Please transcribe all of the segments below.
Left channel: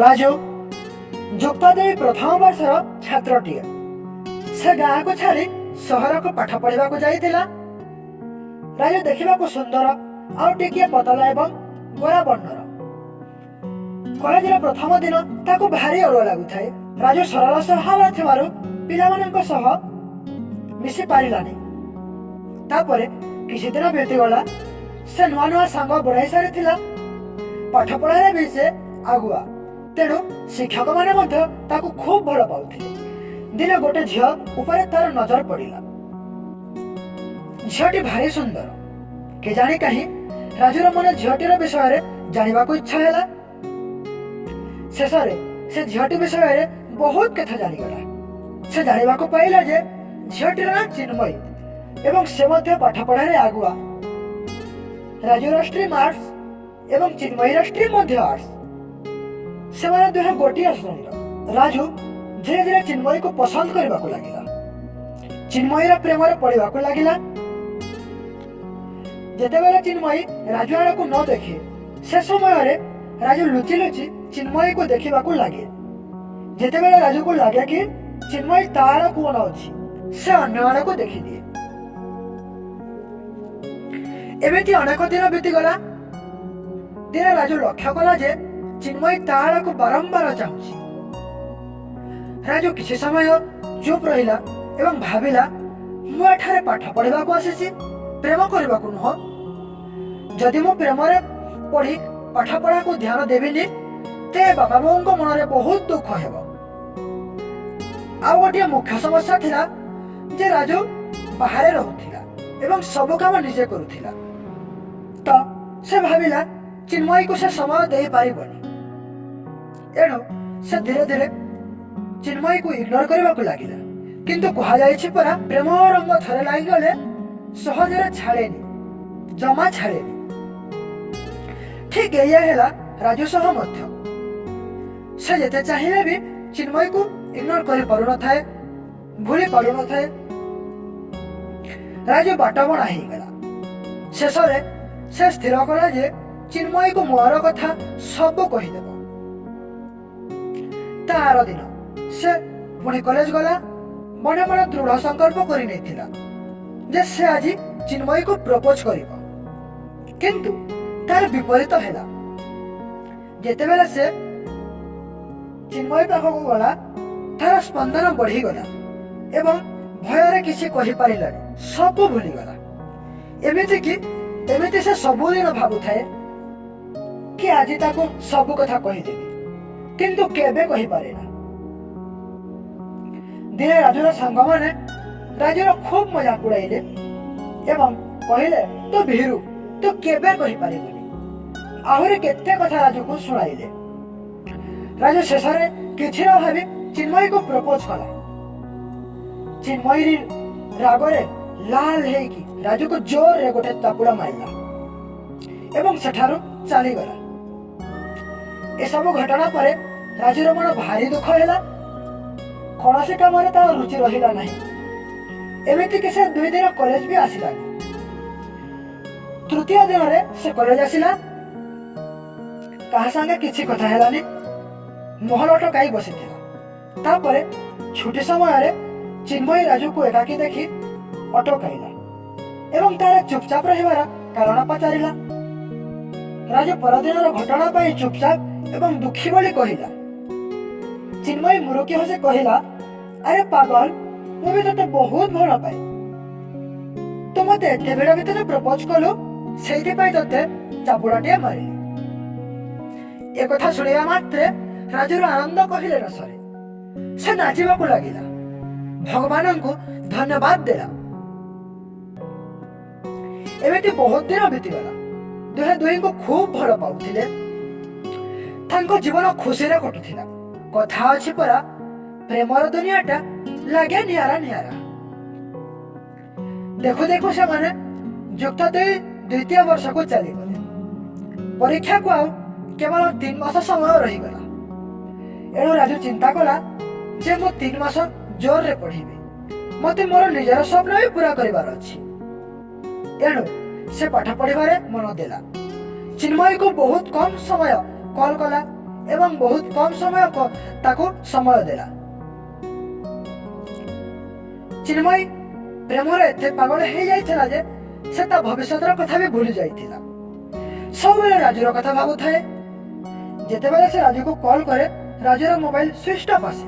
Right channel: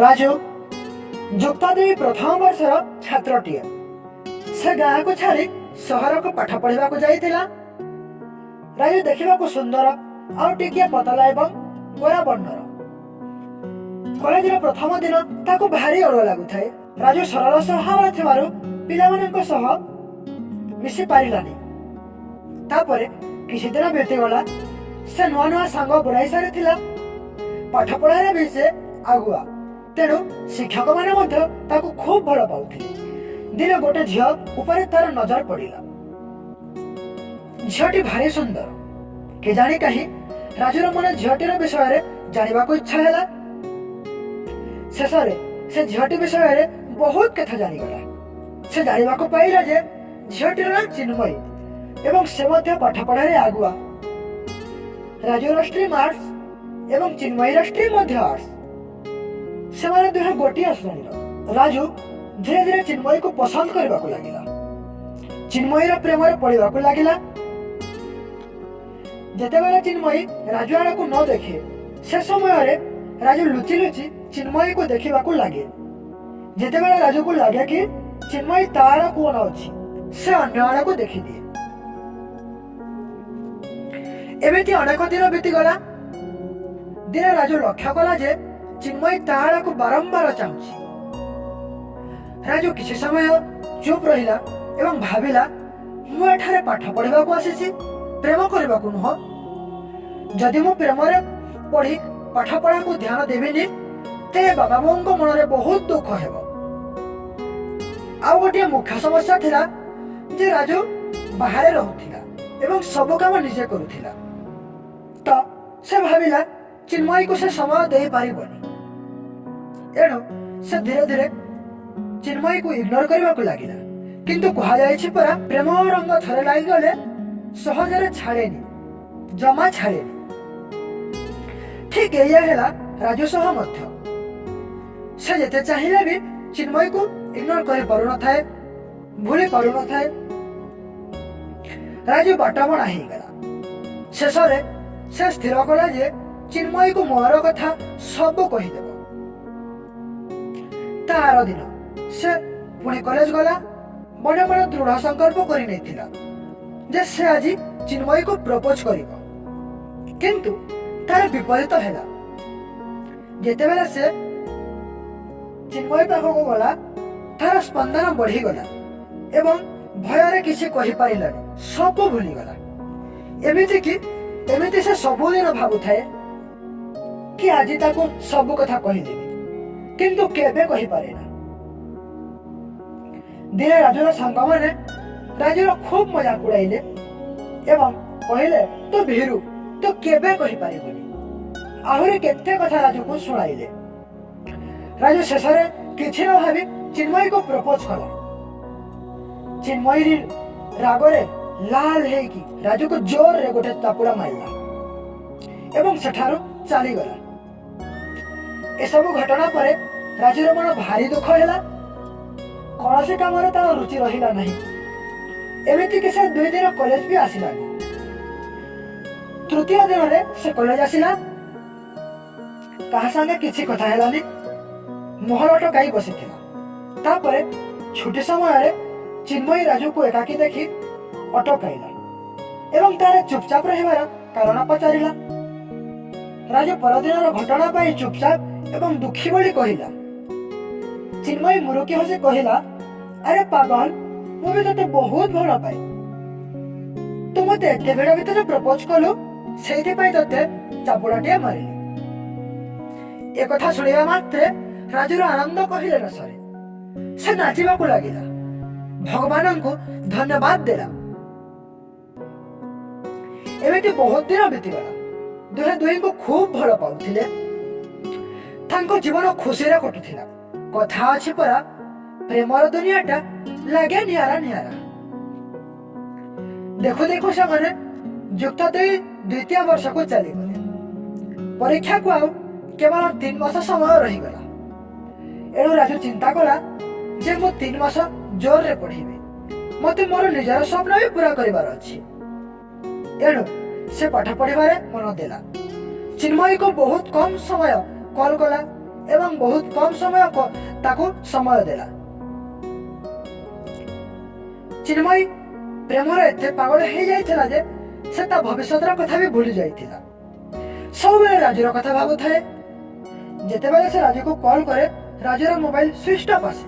राजू जुक्ता देवी प्रथम वर्षर छात्रटीए से गाँ को छाड़ी सहर को पाठ पढ़ा जाइथिला। राजू देखा सुंदर और टिकिया पतला एवं गोरा वर्णर। कॉलेज प्रथम दिन ताको भारी अड़ुआ लगुए। राजू सरल स्वभाव थिबारु पिलामानंक सह मिसी पारिलानी। तापरे किछि दिन बीतीगला। से नुआ नुआ सांग बनाई सारी पाठ पढ़ारे भी से आगुआ। तेणु शिक्षक माने मध्य ताको खूब भल पाउथिले। दिने गोटे झियो ऊपर तार नजर पड़िला। झियोटी भारी सुंदर। के जानी कहीं राजूर मन झियोटीर विषय जानिबा को इच्छा हैला। शेषरे से झियोटी विषय बहुत कथा जानिगला। से जानिबा को पाइला जे झियोटीर नाम चिन्मयी एवं से मध्य पाठ पढ़ारे आगुआ। राजू स्ट्रीम आर्ट्स एवं चिन्मयी स्ट्रीम मध्य आर्ट्स। से माने दुहे गोटिए श्रेणीर। राजू धीरे धीरे चिन्मयी को पसंद करने को लगिला। चिन्मयीर प्रेम पड़वा को लगिला। जेतेबेले चिन्मयी राजू आड़ को न देखे से समय राजू लुचि लुचि चिन्मयी को देखा लगे। जेतेबेले राजू को लगे कि चिन्मयी ता आड़ को अनाउछि से अन्य आड़ को देखी दिए। एमिति अनेक दिन बीतीगला। दिने राजू लक्ष्य कला जे चिन्मयी ता आड़ को बारंबार चाहूछि। राजू किछि समय चुप रहिला एवं भाविला मु एठारे पाठ पढ़ा को आसीछि, प्रेम करबा को नुह। जदि मु प्रेम रे पढ़ी पाठ पढ़ा को ध्यान देबिनी ते बाबा बोंको मन रे बहुत दुख हेबो। आ गोटे मुख्य समस्या थिला जे राजू बाहर रहउथिला एवं सब काम निजे करूथिला। तो से भाविला चिन्मयी को से समय दे पारिबनी। एणु से धीरे धीरे चिन्मयी को इग्नोर करने को लगिला। किंतु कहा जायछि परा प्रेम रंग थरे लागि गले सहजरे छाड़ेनी, जमा छाड़ेनी। ठीक एया हेला राजू सह मध्य। से जेते चाहिले भी चिन्मयी को इग्नोर करि पारु न थाए, भूली पारु न थाए। राजू बाटबणा हेई गला। शेषरे से स्थिर कला जे चिन्मयी को मोर कथा सब कहिदेब। तार दिन से पुणी कॉलेज गला। मने मने दृढ़ संकल्प करि नैथिला जे से आज चिन्मयी को प्रपोज करिवो। किंतु तार विपरीत हैला। जेतेबेले से चिन्मयी पाखक गला तार स्पंदन बढ़ी गला एवं भୟରେ किसी कहि पारिलानी, सब भूली गला। एमिति से सबुदिन भाबुथाए कि आज ताको सब कथा कहिदेबी, किंतु केबे कहि पारेना। दिने राजूर सांग माने राजूर खूब मजाक उड़ाइले एवं कहले तो भीरू तो केबे कहि पारिबनी। आहुरी केते कथा राजू को सुनाइले। राजू शेषरे किछि न भाबी चिन्मयी को प्रपोज कला। चिन्मयी रागरे लाल हेकी राजू को जोर रे गोटे चापुड़ा मारिला एवं सेठारु चली गला। ए सब घटना परे राजूर मन भारी दुख हैला। कौनसी काम तार रुचि रहिला नहीं। एमिति कि से 2 दिन कॉलेज भी आसिलानी। तृतीय दिन रे से कॉलेज आसिला। कहा संगे किछि कथा हेलानी। महलट काई बसिथिला। तापरे छुट्टी समय रे चिन्मयी राजू को एकाकी देखी अटकाइला एवं तार चुपचाप रहिबार कारण पचारिला। राजू परदिनर घटना पाई चुपचाप एवं दुखी बोली कहिला। चिन्मयी मुरुकी हसी कहिला, अरे पागल, मु भी तते बहुत भल पाए। तू मते एते भिड़ भितर प्रपोज कलु, सेइथि पई तते चापुड़ाटे मारिली। ए कथा सुनिबा मात्रे राजूर आनंद कहिले न सरे। से नाचिबा को लागिला, भगवान को धन्यवाद देला। एमिति बहुत दिन बीतीगला। दुहे दुही को खूब भल पाउथिले। तांको जीवन खुशी रे कटुथिला। कथा अछि परा प्रेमर दुनियाटा लागे नियारा नियारा। देखो देखो से माने जुक्त द्वितीय वर्ष को चली गले। परीक्षा को आउ केवल 3 मास समय रही गला। एणु राजू चिंता कला जे मु 3 मास जोर रे पढ़िबे। मते मोर निजर स्वप्न भी पूरा करिवार अछि। एणु से पाठ पढ़िबारे मन देला। चिन्मयी को बहुत कम समय कॉल कला एवं बहुत कम समय ताको समय देला। चिन्मयी प्रेमर एते पागल हो जाइथिला जे से ता भविष्यतर कथा भी भूली जाइथिला। सब बेले राजूर कथा भाबुथाए। जेतेबेले से राजू को कॉल करे राजूर मोबाइल स्विच ऑफ आसे।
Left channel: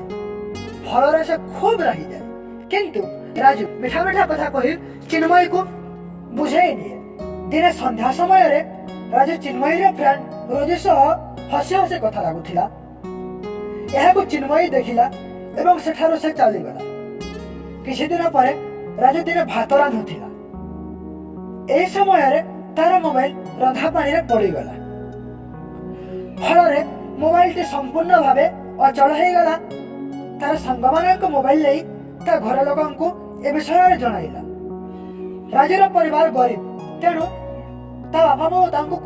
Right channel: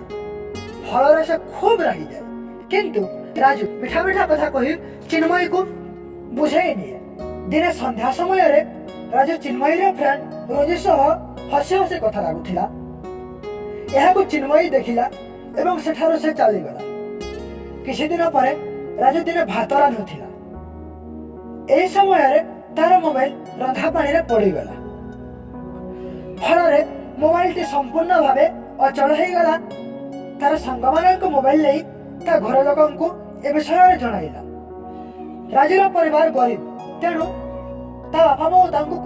फल से खूब रागी जाए, किंतु राजू मिठा मिठा कथा कही चिन्मयी को बुझाई निए। दिने संध्या समय रे राजू चिन्मयी फ्रेंड रोजी सह हसी हसी कथा लागुथिला। एहाकु चिन्मयी देखिला एवं सेठारो से चलीगला। किछि दिन परे राजू दिने भात रांधुथिला। एही समय रे तार मोबाइल रंधा पानी रे पड़ीगला। फल मोबाइल टी संपूर्ण भावे अचल हो गला। तार संग मान मोबाइल ले ता घर लोक ए विषय में जनाइला। राजूर परिवार गरीब, तेणु ता बापा माँ तांको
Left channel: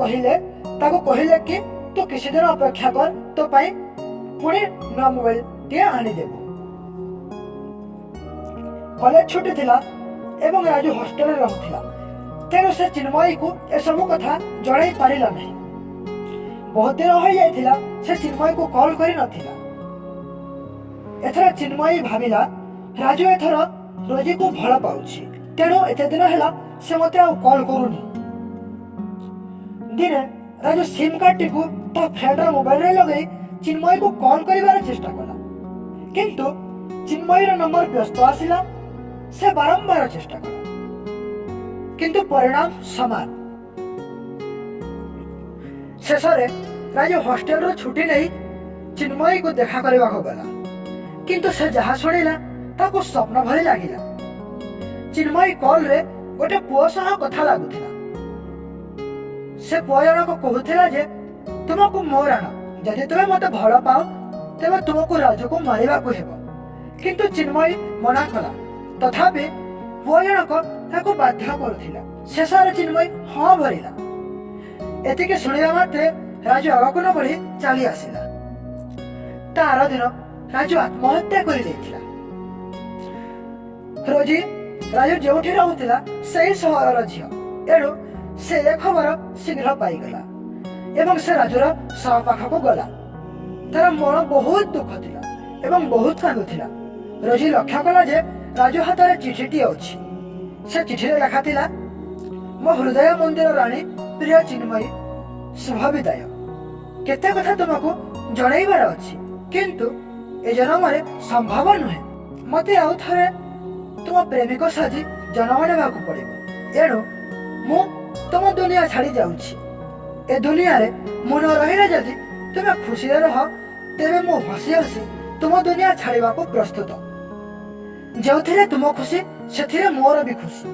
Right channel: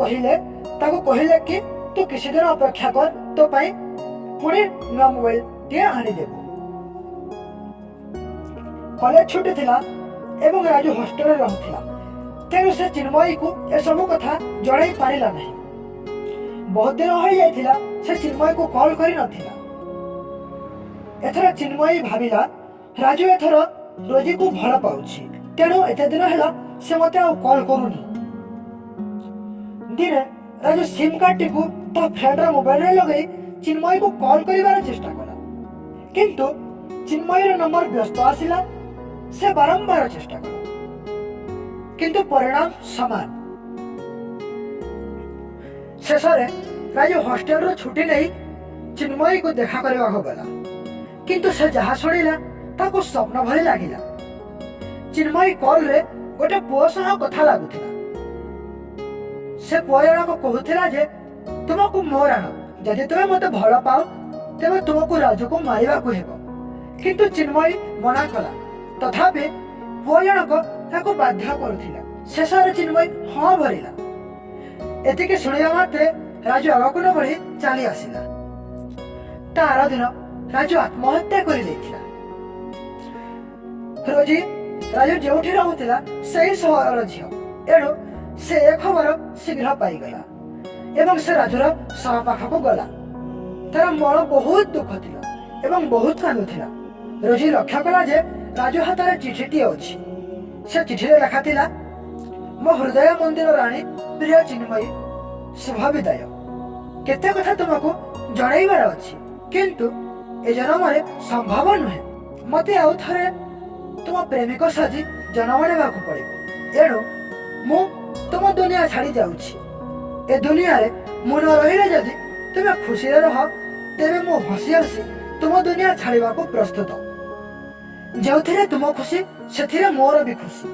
कहिले कि तू किसी दिन अपेक्षा कर, तो पाई पुणी नया मोबाइल टे आनीदेबू। कॉलेज छुट्टी थिला एवं राजू हॉस्टेल रहूथिला, तेणु से चिन्मयी को ए सब कथा जणाई पारिला नहीं। बहुत दिन हो जाइथिला से चिन्मयी को कॉल करि नथिला। एथर चिन्मयी भाबिला राजू एथर रोजी को भल पाउछि, तेणु एते दिन हैला से मते आ कॉल करूनी। दिने राजू सिम कार्ड टी को ता फ्रेंड रा मोबाइल रे लगई चिन्मयी को कॉल करिवार चेष्टा कला, किंतु चिन्मयी रा नंबर व्यस्त आसिला। से बारंबार चेष्टा कला, किंतु परिणाम समान। शेषरे राजू हॉस्टेल रो छुट्टी नहीं चिन्मयी को देखा करबा को गला, किंतु से जहा सुनिला ताको स्वप्न भली लागिला। चिन्मयी कॉल रे गोटे पुओ सह कथा लागुथिला। से पुओ जनक कहूथिला जे तुमको मोर आना, जदि तुमे मते भल पाओ तेबे तुमको राजू को मारिबा को हेबो। किंतु चिन्मयी मना कला। तथापि पुओ जनक ताको बाध्य करथिला। शेषरे चिन्मयी हाँ भरिला। एतिके सुनिबा मात्रे राजू आगको न बढ़ी चली आसिला। तार दिन राजू आत्महत्या करि दैथिला। रोजी राजू जोठी रहउथिला सेही सहरर झियो, एणु से ए खबर शीघ्र पाईगला एवं से राजूर सह पाखको गला। तार मन बहुत दुख थिला एवं बहुत कांदुथिला। रोजी लक्ष्य कला जे राजू हाथ में चिठीटी अच्छी। से चिठी लेखा थिला, मो हृदय मंदिर राणी प्रिय चिन्मयी, शुभ विदाय। केते कथा तुमको जणाइबार अछि, किंतु ए जन्म रे संभव नुहे। मते आउ थरे तुम प्रेमिक साजी जन्म नेबाकू पड़िबो। एणु मु तुम दुनिया छाड़ी जाउछि। ए दुनिया रे मु न रहिले जदि तुमे खुशी रे रह, तेबे मु हसी हसी तुम दुनिया छाड़िबा को प्रस्तुत। जोथिरे तुम खुशी सेथिरे मोर भी खुशी।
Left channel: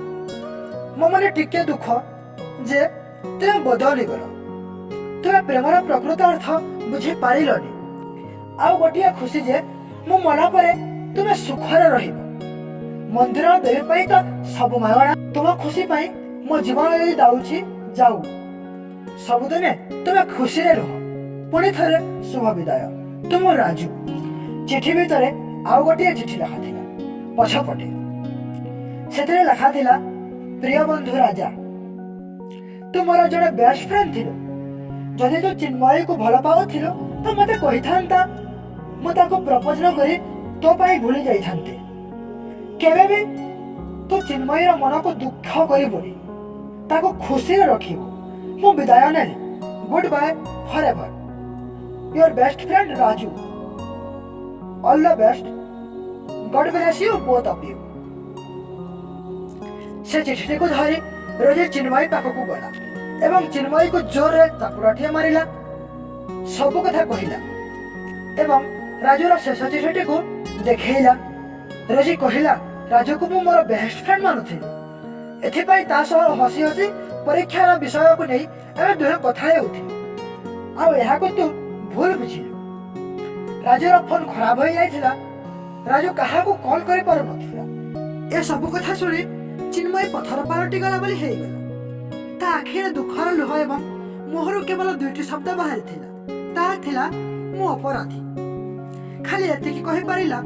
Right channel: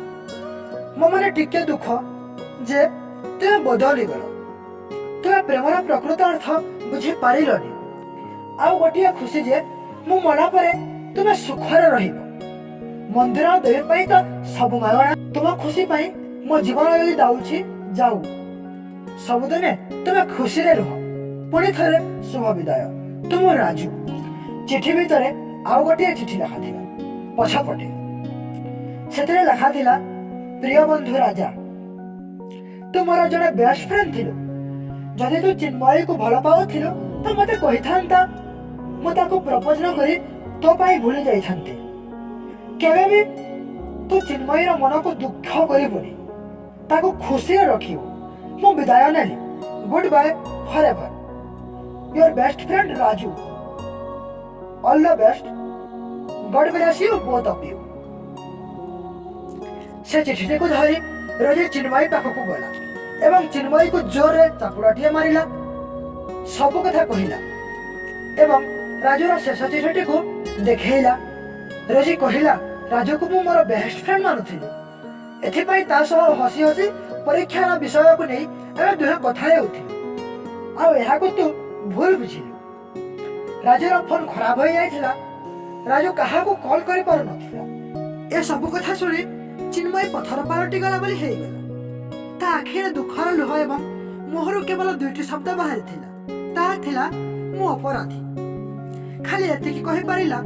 मो मने टिके दुख जे तुमे बदली गलो। तुमे प्रेमर प्रकृत अर्थ बुझी पारिलनी। आउ गोटिया खुशी जे मु मना परे तुमे सुखरे रहिबो। मंदिर देवी पाई तो सब मागणा। तुम खुशी पाई मो जीवन यदि दाउछि जाऊ। सबुदिने तुमे खुशी रे रह। पुणी थरे शुभ विदाय, तुम राजू। चिठी भितरे आउ गोटिए चिठी लिखा थिला। पछपटे सेथिरे लिखा थिला, प्रिय बंधु राजा, तू मोर जड़े बेस्ट फ्रेंड थिलु। जदि तू चिन्मयी को भल पाउथिलु तो मते कहि थांता। मु ताको प्रपोज न करी तो पाई भूली जाई थांते। केबे भी तू चिन्मयी रो मन को दुख करिबोनी, ताको खुशी रे रखिबो। मु विदाय नेली। Goodbye forever. Your best friend Raju. All the best. God bless you both of you. से चिठी को धरी रोजी चिन्मयी पाखक गला एवं चिन्मयी को जोर रे चापुड़ाटिए मारिला। सब कथा कहिला एवं राजूर शेष चिठी को देखैला। रोजी कहिला, राजू को मु मोर बेस्ट फ्रेंड मानुथिलि। एथिपाई ता सह हसी हसी परीक्षार विषय को नहीं एवं दुहे कथा हेउथि। आ एहा को तू भूल बुझिलु। राजूर फोन खराब हो जाइथिला। राजू कहा को कॉल करि पार नथिला। ए सब कथा सुनी चिन्मयी पथर पालटी गला बोली हेई गला। ता आखिरे दुखर लुह एवं मोहरु केवल दुईटी शब्द बाहर थिला। ता थिला, मु अपराधी। खाली एतिकी कहि पारिला।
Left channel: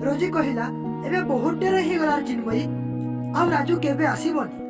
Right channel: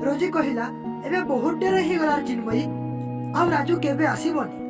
रोजी कहिला, एबे बहुत डेर हे गला चिन्मयी, आ राजू केबे आसीबनी।